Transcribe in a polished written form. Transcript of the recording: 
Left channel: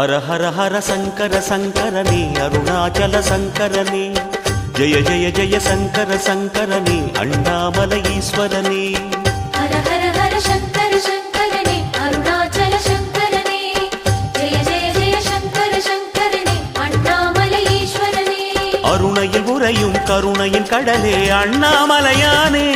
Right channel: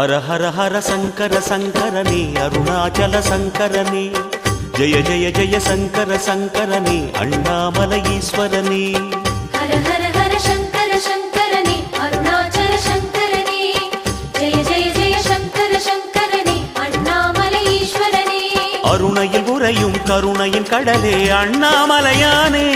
ஹர ஹர ஹர சங்கர சங்கரனே அருணாச்சல சங்கரனே ஜெய ஜெய ஜெய சங்கர சங்கரனே அண்ணாமலை ஈஸ்வரனே ஹர ஹர ஹர சங்கர சங்கரனே அருணாச்சல சங்கரனே ஜெய ஜெய ஜெய சங்கர சங்கரனே அண்ணாமலை ஈஸ்வரனே அருணையில் உறையும் கருணையின் கடலே அண்ணாமலையானே